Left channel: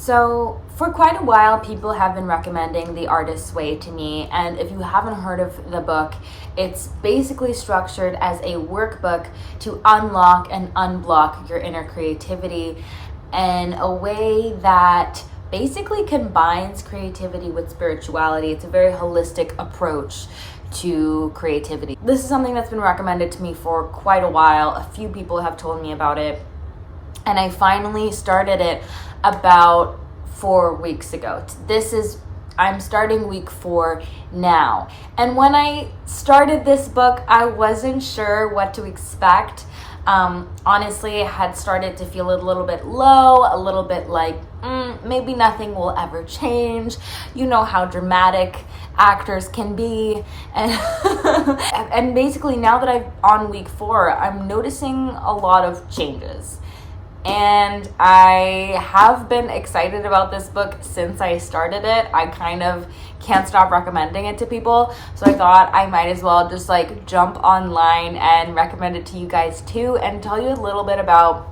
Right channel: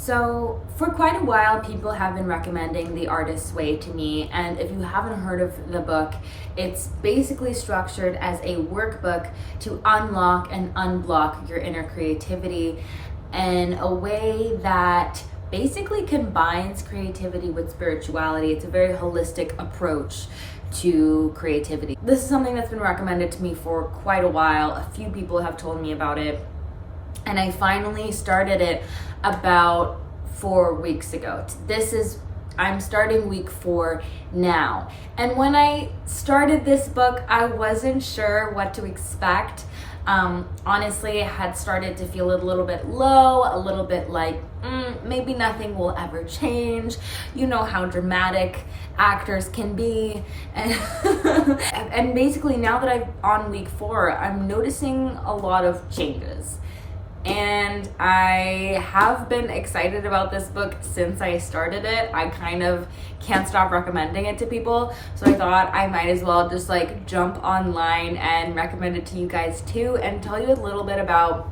So for quite a while, people have been recommending The Artist's Way to me, and if you haven't heard of the book, it's basically structured as a workbook to unlock and unblock your inner creativity in a way that basically combines creativity with spirituality. It's a very holistic approach to creativity. This is something that's been recommended to me for quite a while. A few people have told me about it, and I finally started it about 4 weeks ago. I'm starting week 4 now. And when I started this book, I wasn't sure what to expect. Honestly, I had started to feel a little bit low, a little bit like, maybe nothing will ever change. You know how dramatic actors can be. And, and basically now that I'm on week 4, I'm noticing a lot of changes. And I have been excited about this book since I started it. I kind of can't stop recommending it to people. So I thought I might as well just jump online and recommend it to you guys too, and tell you a little bit about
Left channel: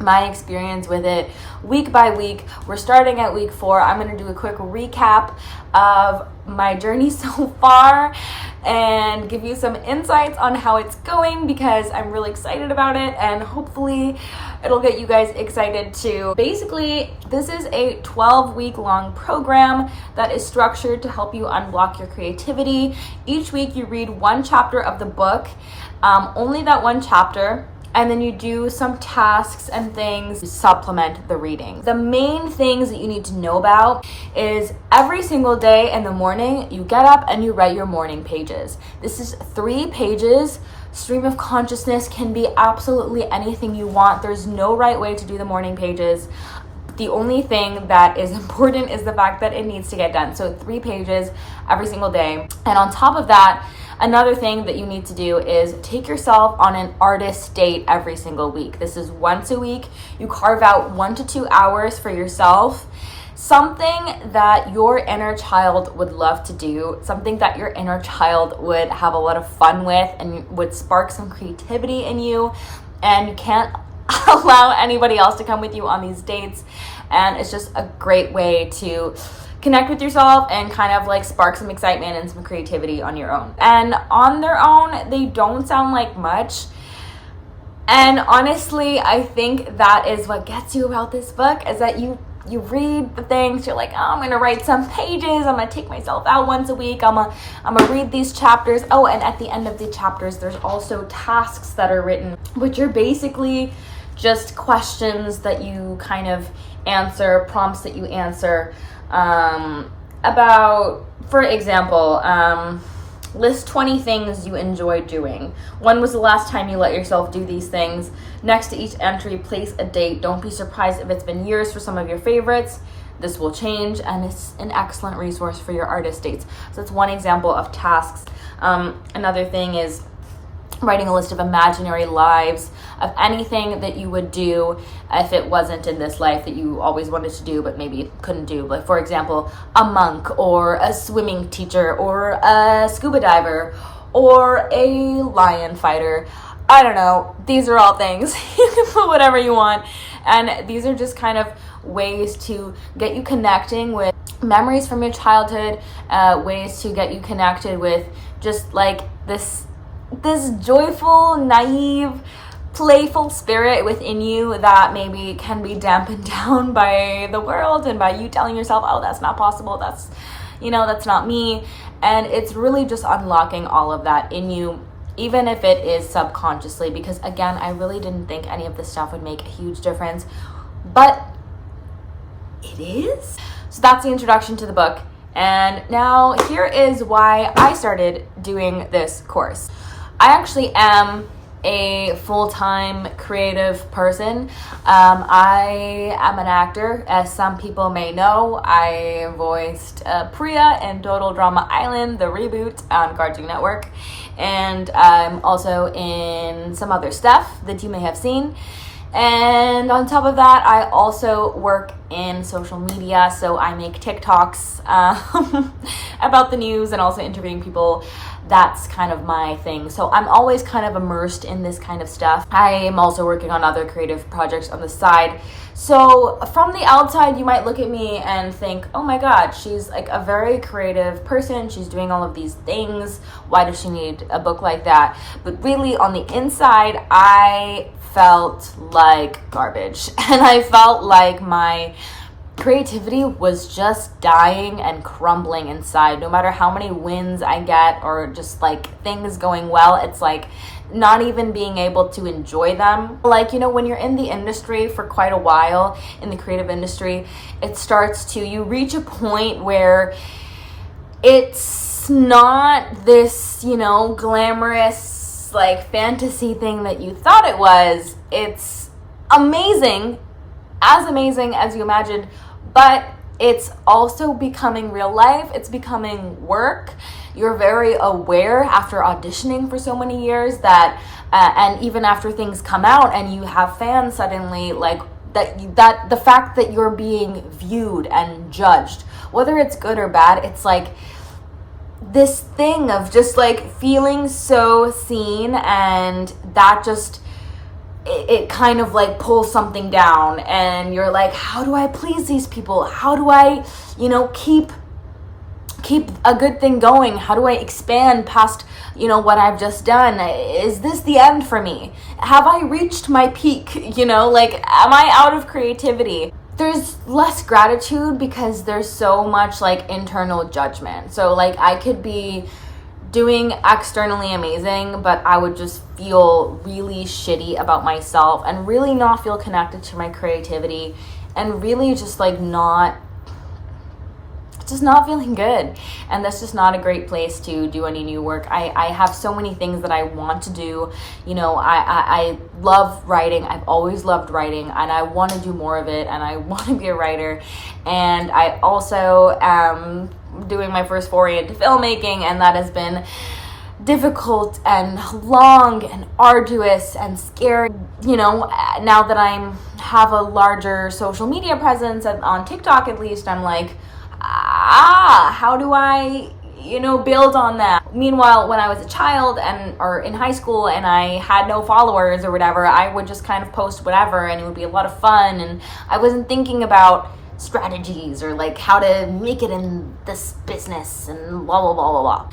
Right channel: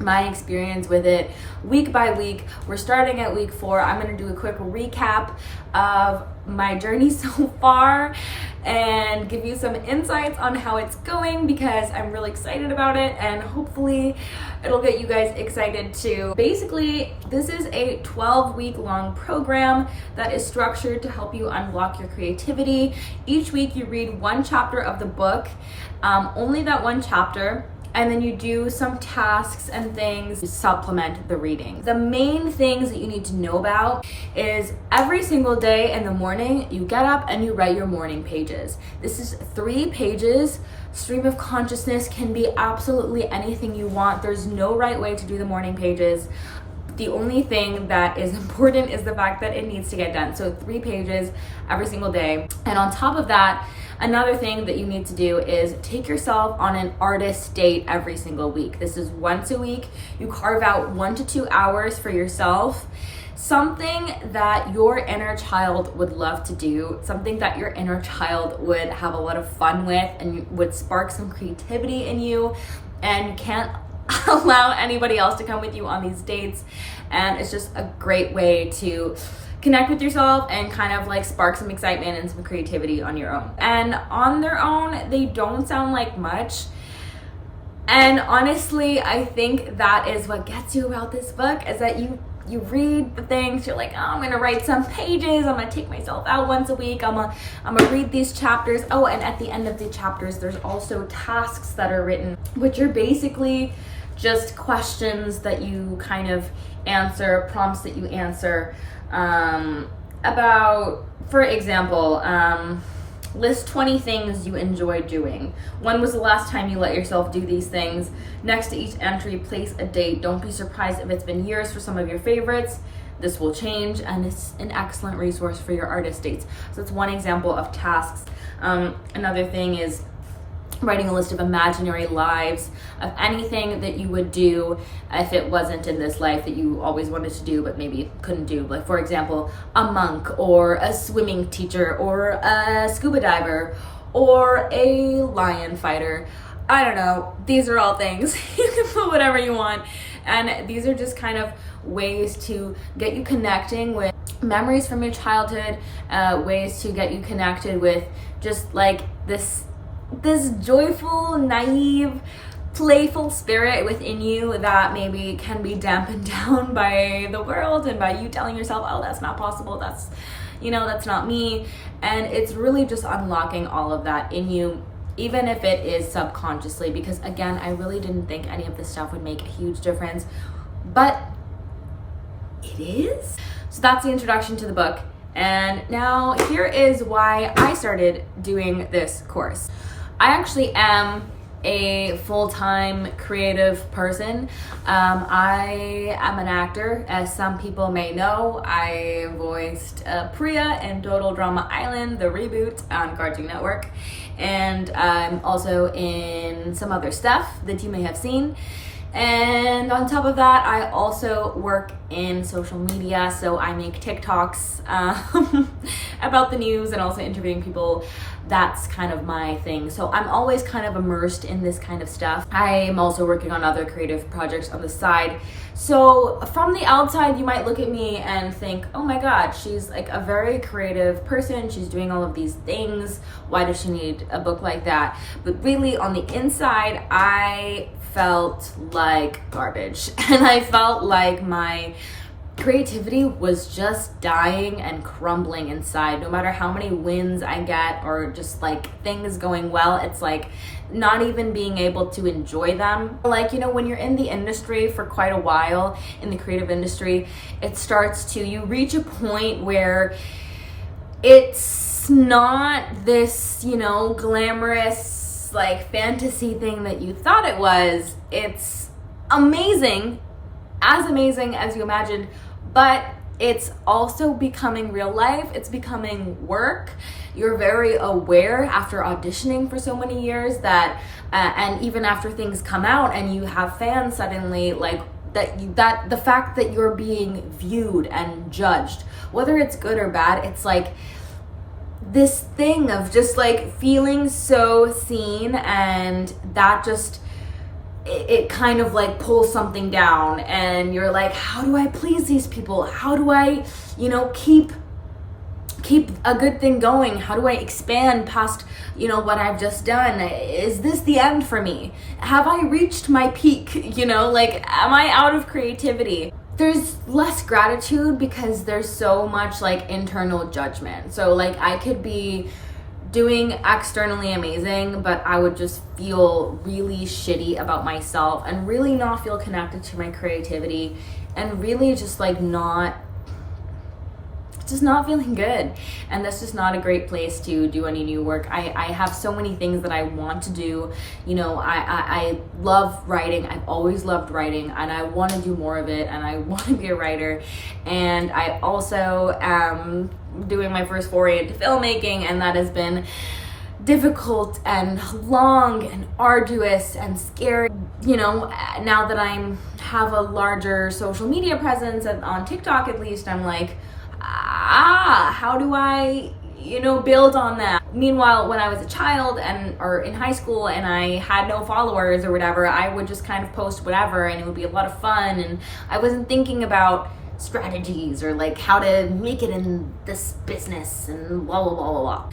my experience with it week by week. We're starting at week 4. I'm going to do a quick recap of my journey so far and give you some insights on how it's going, because I'm really excited about it, and hopefully it'll get you guys excited too. Basically, this is a 12-week long program that is structured to help you unlock your creativity. Each week you read one chapter of the book, only that one chapter, and then you do some tasks and things to supplement the reading. The main things that you need to know about is every single day in the morning, you get up and you write your morning pages. This is 3 pages. Stream of consciousness can be absolutely anything you want. There's no right way to do the morning pages. The only thing that is important is the fact that it needs to get done. So 3 pages every single day. And on top of that, another thing that you need to do is take yourself on an artist date every single week. This is once a week. You carve out 1 to 2 hours for yourself. Something that your inner child would love to do, something that your inner child would have a lot of fun with and would spark some creativity in you, and you can't allow anybody else to come with you on these dates. And it's just a great way to connect with yourself and kind of spark some excitement and some creativity on your own. And on their own, they don't sound like much. And honestly, I think that is what gets you about this book, is that you read the things, you're like, oh, I'm gonna write some pages, I'm gonna take myself out once a week, I'm gonna read these chapters. Oh, and at the end of the chapters, there's also tasks that are written, which are basically just questions that you kind of answer, prompts that you answer about, for example, list 20 things you enjoy doing. When was the last time you let yourself do these things? Next to each entry, place a date. Don't be surprised if it's been years for some of your favorites. This will change, and it's an excellent resource for your artist dates. So that's one example of tasks. Another thing is writing a list of imaginary lives of anything that you would do if it wasn't in this life that you always wanted to do but maybe couldn't do. Like, for example, a monk or a swimming teacher or a scuba diver or a lion fighter. I don't know. These are all things. You can put whatever you want. And these are just kind of ways to get you connecting with memories from your childhood, ways to get you connected with just this joyful, naive, playful spirit within you that maybe can be dampened down by the world and by you telling yourself, oh, that's not possible, that's not me. And it's really just unlocking all of that in you, even if it is subconsciously, because again, I really didn't think any of this stuff would make a huge difference, but it is. So that's the introduction to the book. And now here is why I started doing this course. I actually am a full-time creative person. I am an actor, as some people may know. I voiced Priya in Total Drama Island, the reboot on Cartoon Network. And I'm also in some other stuff that you may have seen. And on top of that, I also work in social media, so I make TikToks about the news and also interviewing people. That's kind of my thing. So I'm always kind of immersed in this kind of stuff. I am also working on other creative projects on the side. So from the outside, you might look at me and think, oh my God, she's like a very creative person. She's doing all of these things. Why does she need a book like that? But really on the inside, I felt like garbage. And I felt like my creativity was just dying and crumbling inside. No matter how many wins I get or just like things going well, it's like not even being able to enjoy them. Like, you know, when you're in the industry for quite a while, in the creative industry, you reach a point where it's not this, you know, glamorous like fantasy thing that you thought it was. It's amazing as you imagined, but it's also becoming real life. It's becoming work. You're very aware after auditioning for so many years that, and even after things come out and you have fans suddenly, like that the fact that you're being viewed and judged, whether it's good or bad, it's like this thing of just like feeling so seen, and that just it kind of like pulls something down, and you're like, how do I please these people? How do I, you know, keep a good thing going? How do I expand past, you know, what I've just done? Is this the end for me? Have I reached my peak? You know, like, am I out of creativity? There's less gratitude because there's so much like internal judgment. So like I could be doing externally amazing, but I would just feel really shitty about myself and really not feel connected to my creativity and really just like not feeling good. And that's just not a great place to do any new work. I have so many things that I want to do. You know, I love writing. I've always loved writing, and I want to do more of it, and I want to be a writer. And I also am doing my first foray into filmmaking, and that has been difficult and long and arduous and scary. You know, now that have a larger social media presence, and on TikTok at least, I'm like, how do I, you know, build on that? Meanwhile, when I was a child or in high school and I had no followers or whatever, I would just kind of post whatever and it would be a lot of fun, and I wasn't thinking about strategies or like how to make it in this business and blah, blah, blah, blah, blah.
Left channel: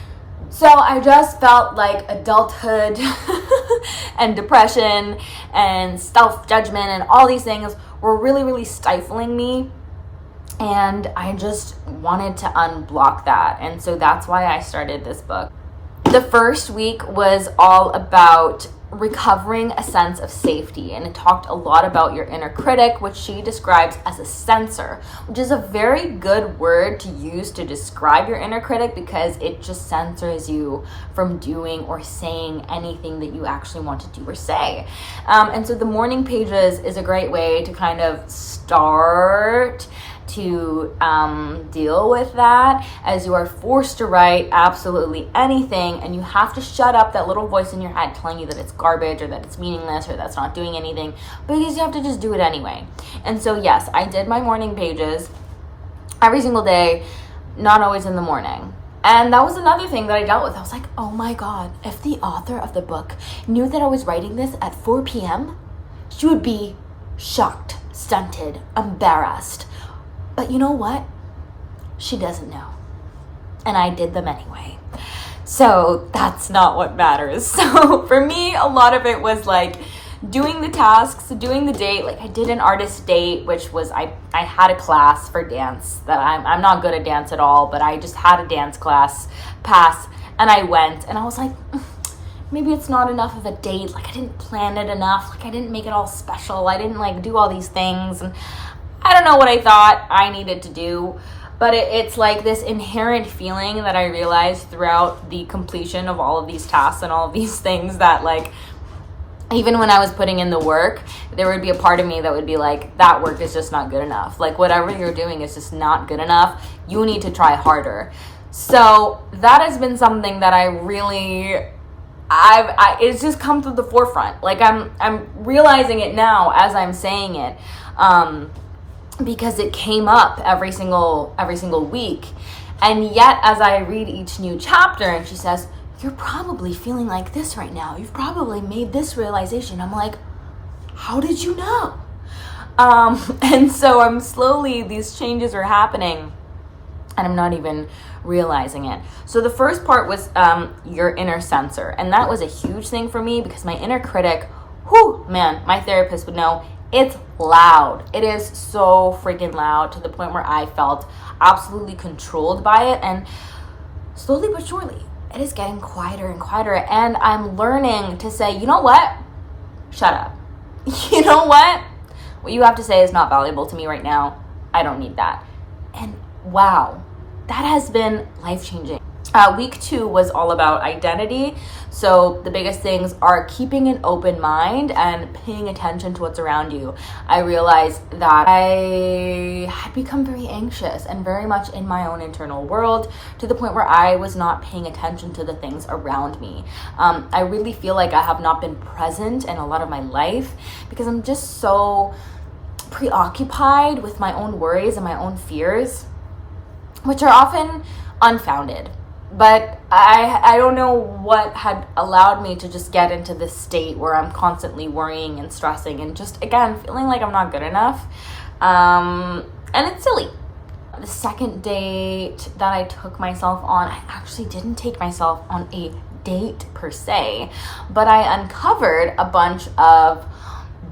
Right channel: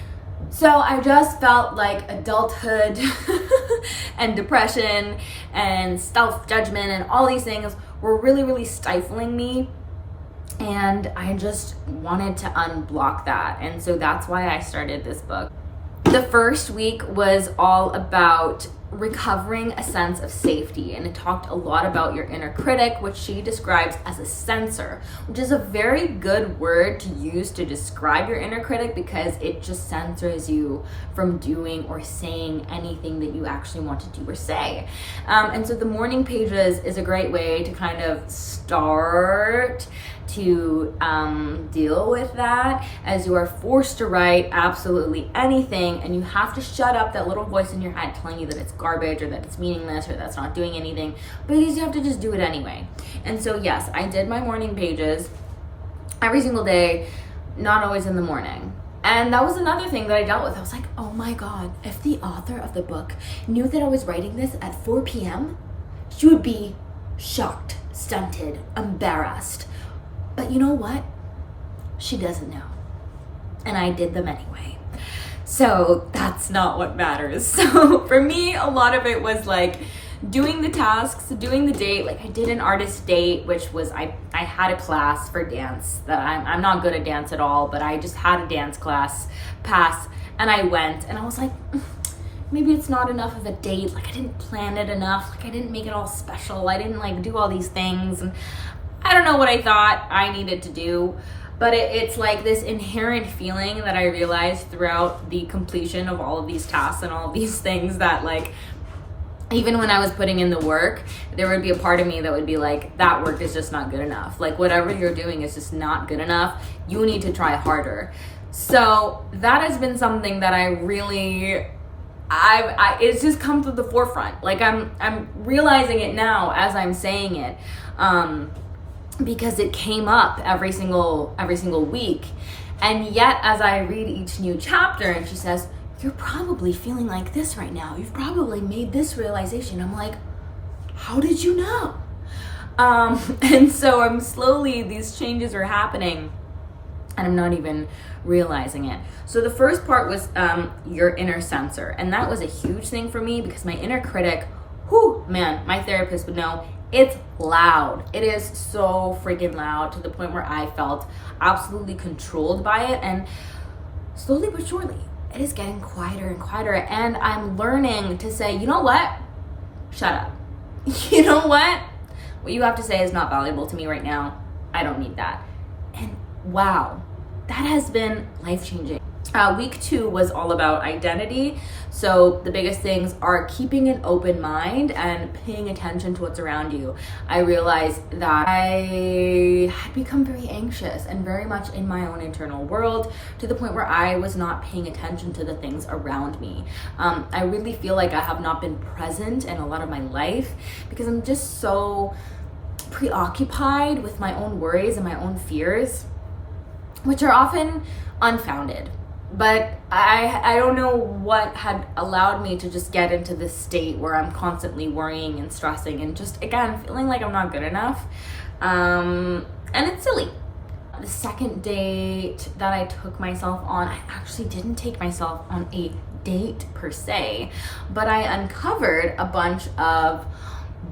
So I just felt like adulthood and depression and self-judgment and all these things were really, really stifling me. And I just wanted to unblock that. And so that's why I started this book. The first week was all about recovering a sense of safety. And it talked a lot about your inner critic, which she describes as a censor, which is a very good word to use to describe your inner critic because it just censors you from doing or saying anything that you actually want to do or say. And so the morning pages is a great way to kind of start to deal with that, as you are forced to write absolutely anything, and you have to shut up that little voice in your head telling you that it's garbage or that it's meaningless or that's not doing anything, because you have to just do it anyway. And so yes, I did my morning pages every single day, not always in the morning. And that was another thing that I dealt with. I was like, oh my God, if the author of the book knew that I was writing this at 4 p.m., she would be shocked, stunted, embarrassed. But you know what? She doesn't know. And I did them anyway. So that's not what matters. So for me, a lot of it was like doing the tasks, doing the date. Like I did an artist date, which was, I had a class for dance that I'm not good at dance at all, but I just had a dance class pass and I went and I was like, maybe it's not enough of a date. Like I didn't plan it enough. Like I didn't make it all special. I didn't like do all these things. And I don't know what I thought I needed to do, but it's like this inherent feeling that I realized throughout the completion of all of these tasks and all of these things that like, even when I was putting in the work, there would be a part of me that would be like, that work is just not good enough. Like whatever you're doing is just not good enough. You need to try harder. So that has been something that I it's just come to the forefront. Like I'm realizing it now as I'm saying it, because it came up every single week. And yet, as I read each new chapter, and she says, "You're probably feeling like this right now. You've probably made this realization." I'm like, how did you know? And so these changes are happening, and I'm not even realizing it. So the first part was your inner censor. And that was a huge thing for me, because my inner critic, man, my therapist would know, it's loud. It is so freaking loud, to the point where I felt absolutely controlled by it. And slowly but surely, it is getting quieter and quieter. And I'm learning to say, you know what? Shut up. You know what? What you have to say is not valuable to me right now. I don't need that. And wow, that has been life-changing. Week 2 was all about identity. So the biggest things are keeping an open mind and paying attention to what's around you. I realized that I had become very anxious and very much in my own internal world, to the point where I was not paying attention to the things around me. I really feel like I have not been present in a lot of my life, because I'm just so preoccupied with my own worries and my own fears, which are often unfounded. But I don't know what had allowed me to just get into this state where I'm constantly worrying and stressing and just, again, feeling like I'm not good enough. And it's silly. The second date that I took myself on, I actually didn't take myself on a date per se, but I uncovered a bunch of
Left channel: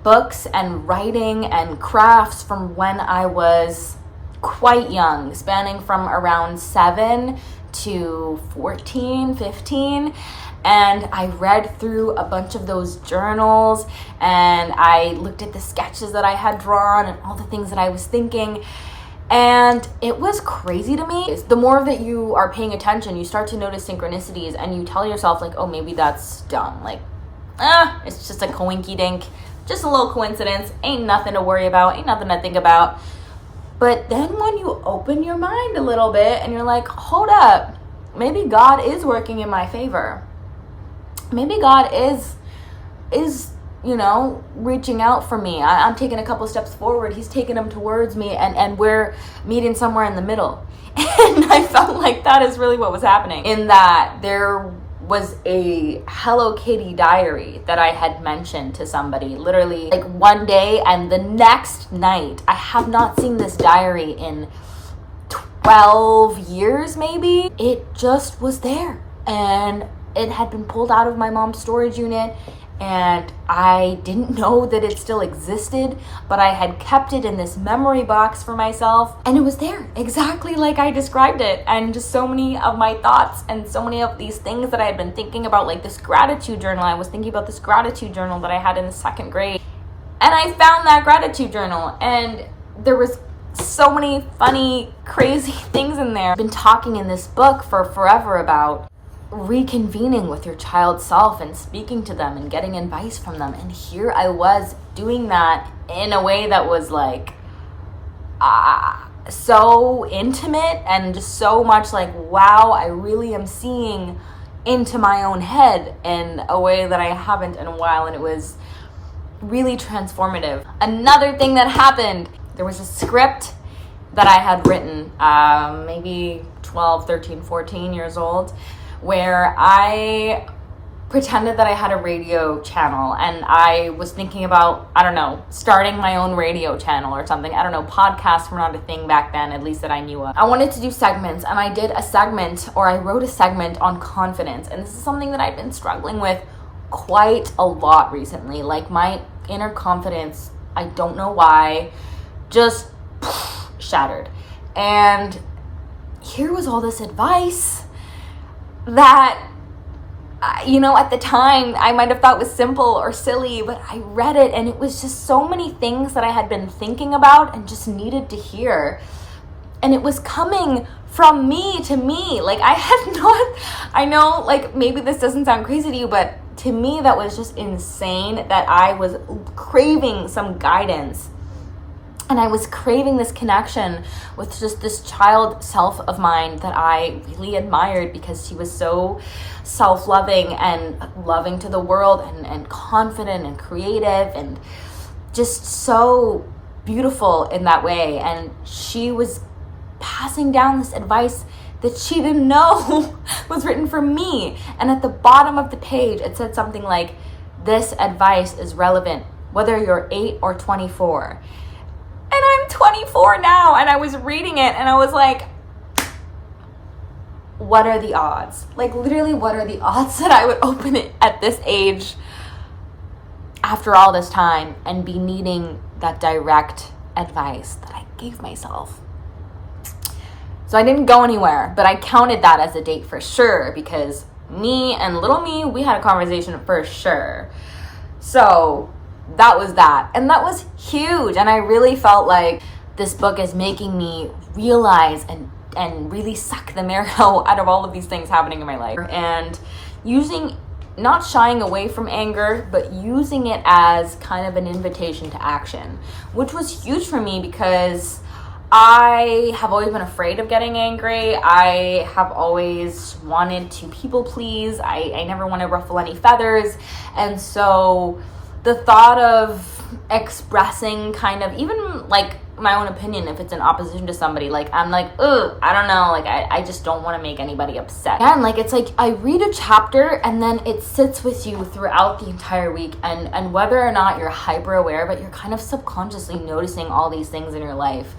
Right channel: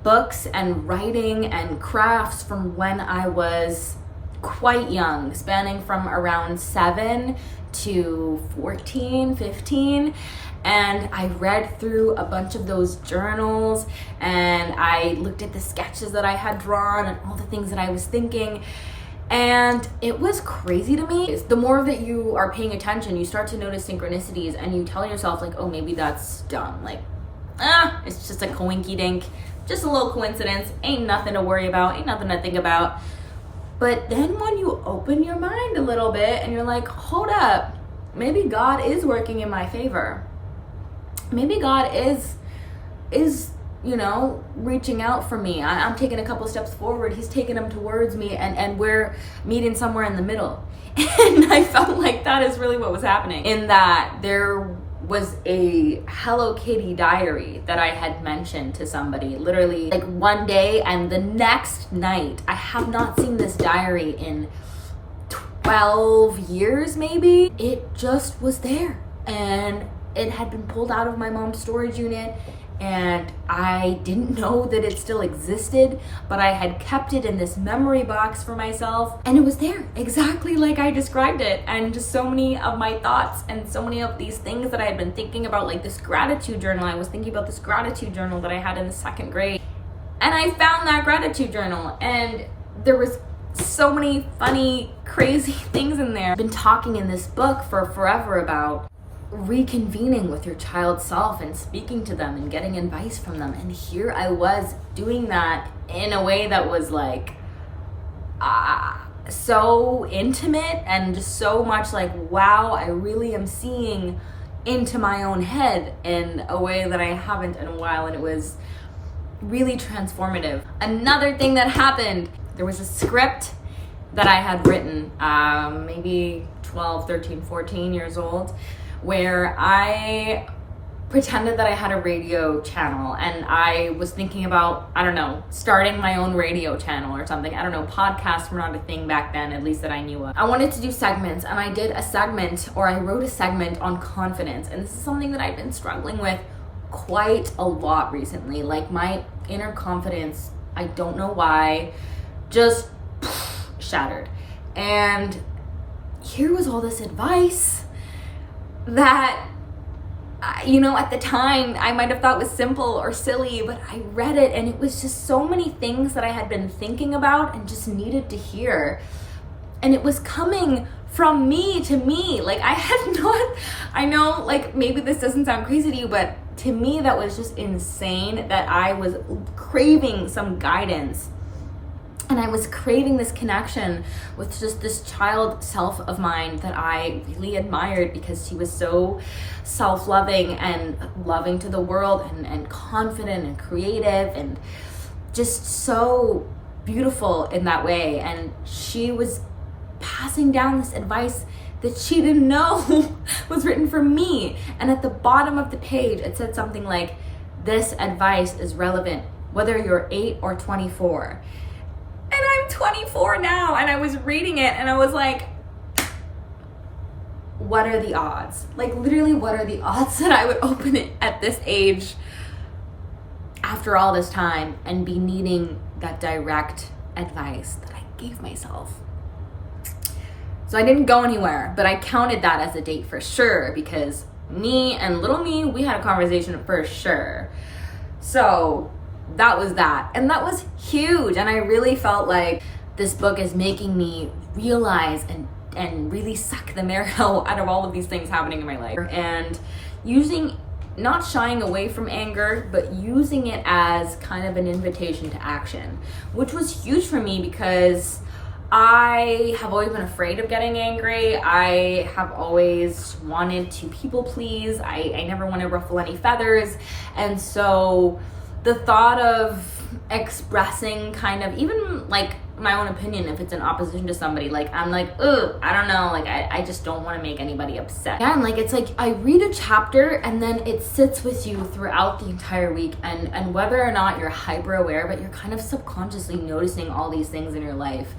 books and writing and crafts from when I was quite young, spanning from around 7 to 14, 15. And I read through a bunch of those journals, and I looked at the sketches that I had drawn and all the things that I was thinking. And it was crazy to me. The more that you are paying attention, you start to notice synchronicities, and you tell yourself, like, oh, maybe that's dumb. Like, it's just a coinky dink, just a little coincidence. Ain't nothing to worry about, ain't nothing to think about. But then when you open your mind a little bit and you're like, hold up, maybe God is working in my favor. Maybe God is reaching out for me. I'm taking a couple steps forward. He's taking them towards me, and we're meeting somewhere in the middle. And I felt like that is really what was happening. In that there was a Hello Kitty diary that I had mentioned to somebody literally like one day, and the next night. I have not seen this diary in 12 years maybe. It just was there, and it had been pulled out of my mom's storage unit, and I didn't know that it still existed, but I had kept it in this memory box for myself, and it was there exactly like I described it. And just so many of my thoughts and so many of these things that I had been thinking about, like this gratitude journal. I was thinking about this gratitude journal that I had in the 2nd grade, and I found that gratitude journal, and there was so many funny, crazy things in there. I've been talking in this book for forever about reconvening with your child self and speaking to them and getting advice from them. And here I was doing that in a way that was like so intimate, and just so much like, wow, I really am seeing into my own head in a way that I haven't in a while. And it was really transformative. Another thing that happened, there was a script that I had written maybe 12, 13, 14 years old, where I pretended that I had a radio channel, and I was thinking about, I don't know, starting my own radio channel or something. I don't know, podcasts were not a thing back then, at least that I knew of. I wanted to do segments, and I did a segment, or I wrote a segment on confidence, and this is something that I've been struggling with quite a lot recently. Like, my inner confidence, I don't know why, just shattered. And here was all this advice that, at the time I might have thought was simple or silly, but I read it, and it was just so many things that I had been thinking about and just needed to hear. And it was coming from me to me. Like, I know, like, maybe this doesn't sound crazy to you, but to me that was just insane, that I was craving some guidance. And I was craving this connection with just this child self of mine that I really admired, because she was so self-loving and loving to the world, and confident and creative and just so beautiful in that way. And she was passing down this advice that she didn't know was written for me. And at the bottom of the page, it said something like, "This advice is relevant whether you're 8 or 24. And I'm 24 now, and I was reading it and I was like, what are the odds? Like, literally, what are the odds that I would open it at this age after all this time and be needing that direct advice that I gave myself? So I didn't go anywhere, but I counted that as a date for sure, because me and little me, we had a conversation for sure. So that was that. And that was huge. And I really felt like this book is making me realize and really suck the marrow out of all of these things happening in my life. And not shying away from anger, but using it as kind of an invitation to action, which was huge for me, because I have always been afraid of getting angry. I have always wanted to people please. I never want to ruffle any feathers. And so the thought of expressing kind of even like my own opinion, if it's in opposition to somebody, like I'm like, ugh, I don't know, like I just don't want to make anybody upset. And like, it's like I read a chapter and then it sits with you throughout the entire week, and whether or not you're hyper aware, but you're kind of subconsciously noticing all these things in your life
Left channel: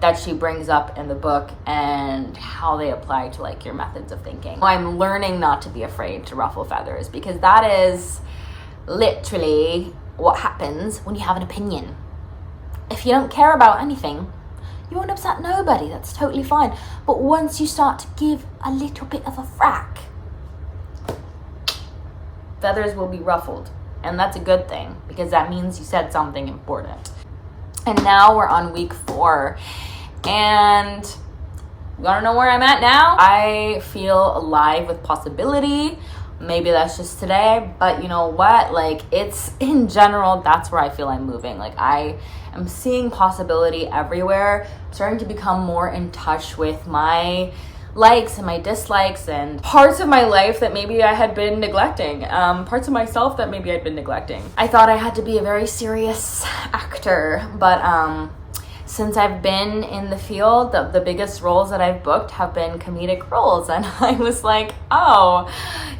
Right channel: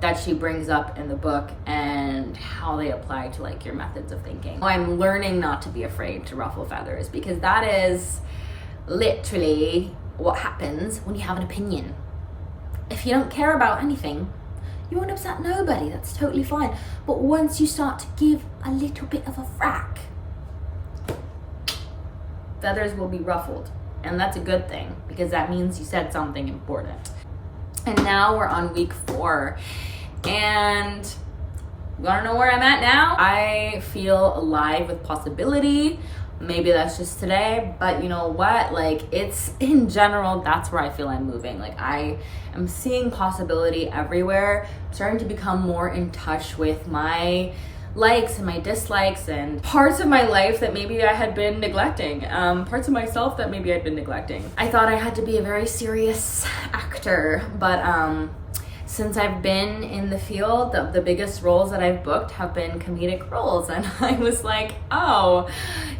that she brings up in the book and how they apply to like your methods of thinking. I'm learning not to be afraid to ruffle feathers, because that is literally what happens when you have an opinion. If you don't care about anything, you won't upset nobody. That's totally fine. But once you start to give a little bit of a frack, feathers will be ruffled. And that's a good thing, because that means you said something important. And now we're on week 4. And you wanna know where I'm at now? I feel alive with possibility. Maybe that's just today, but you know what? Like, it's in general, that's where I feel I'm moving. Like, I am seeing possibility everywhere. I'm starting to become more in touch with my likes and my dislikes and parts of my life that maybe I had been neglecting, parts of myself that maybe I'd been neglecting. I thought I had to be a very serious actor, but since I've been in the field, the biggest roles that I've booked have been comedic roles. And I was like, oh,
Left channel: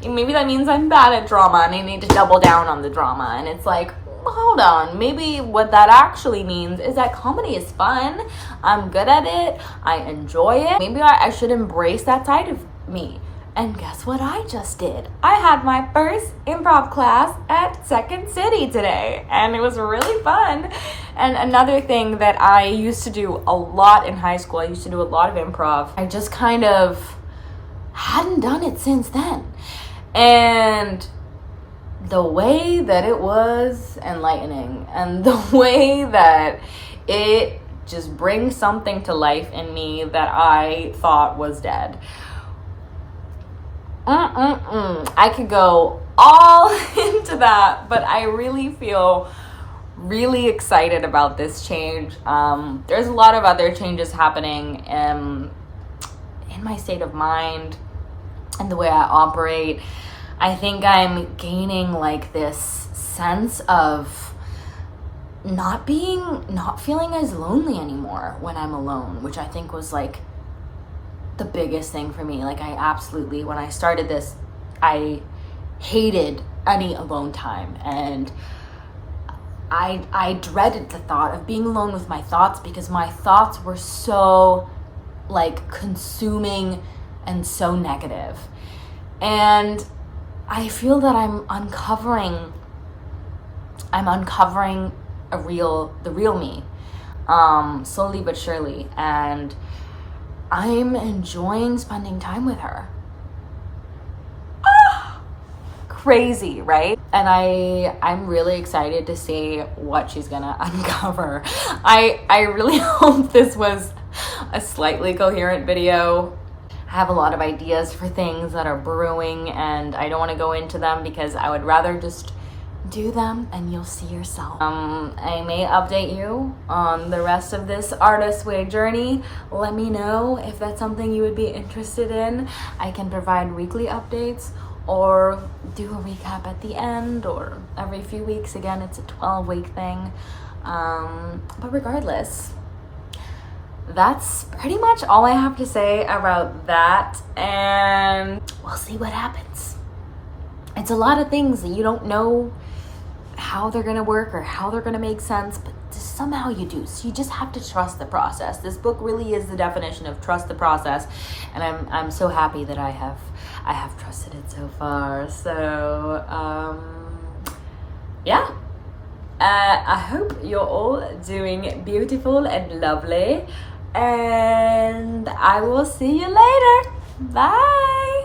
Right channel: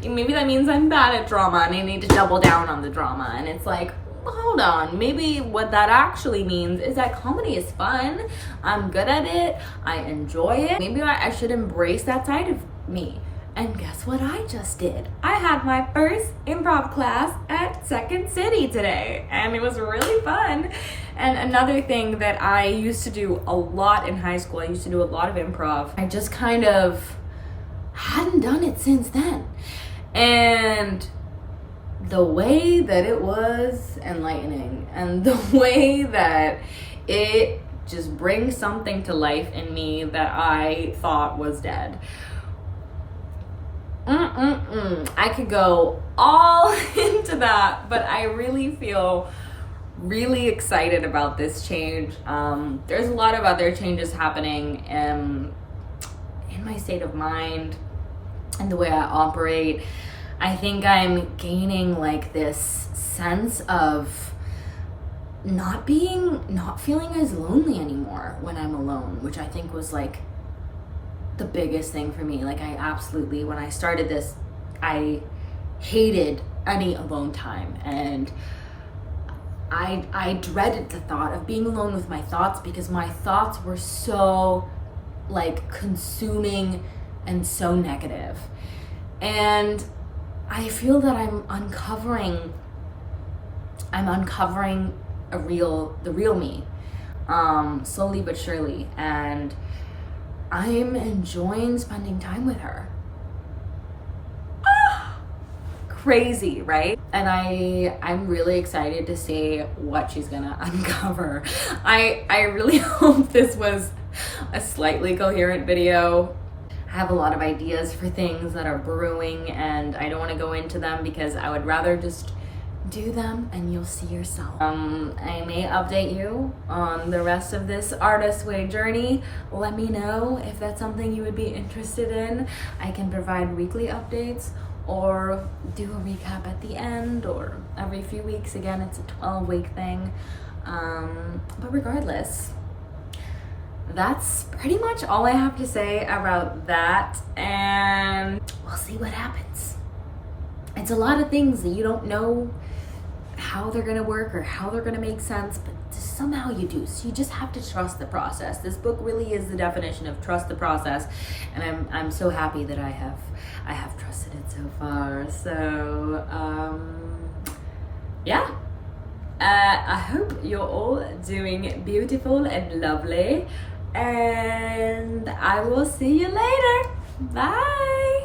maybe that means I'm bad at drama and I need to double down on the drama. And it's like, hold on, maybe what that actually means is that comedy is fun. I'm good at it. I enjoy it. Maybe I should embrace that side of me. And guess what I just did? I had my first improv class at Second City today, and it was really fun. And another thing that I used to do a lot in high school, I used to do a lot of improv. I just kind of hadn't done it since then. And the way that it was enlightening, and the way that it just brings something to life in me that I thought was dead. I could go all into that, but I really feel really excited about this change. There's a lot of other changes happening in my state of mind and the way I operate. I think I'm gaining like this sense of not feeling as lonely anymore when I'm alone, which I think was like the biggest thing for me. Like, I absolutely, when I started this, I hated any alone time, and I dreaded the thought of being alone with my thoughts, because my thoughts were so like consuming and so negative. And I feel that I'm uncovering the real me, slowly but surely, and I'm enjoying spending time with her. Crazy, right? And I'm really excited to see what she's gonna uncover. I really hope this was a slightly coherent video. I have a lot of ideas for things that are brewing, and I don't want to go into them because I would rather just do them and you'll see yourself. I may update you on the rest of this Artist Way journey. Let me know if that's something you would be interested in. I can provide weekly updates or do a recap at the end or every few weeks. Again, it's a 12-week thing. But regardless, that's pretty much all I have to say about that, and we'll see what happens. It's a lot of things that you don't know how they're gonna work or how they're gonna make sense, but somehow you do. So you just have to trust the process. This book really is the definition of trust the process, and I'm so happy that I have trusted it so far. So yeah. I hope you're all doing beautiful and lovely, and I will see you later. Bye.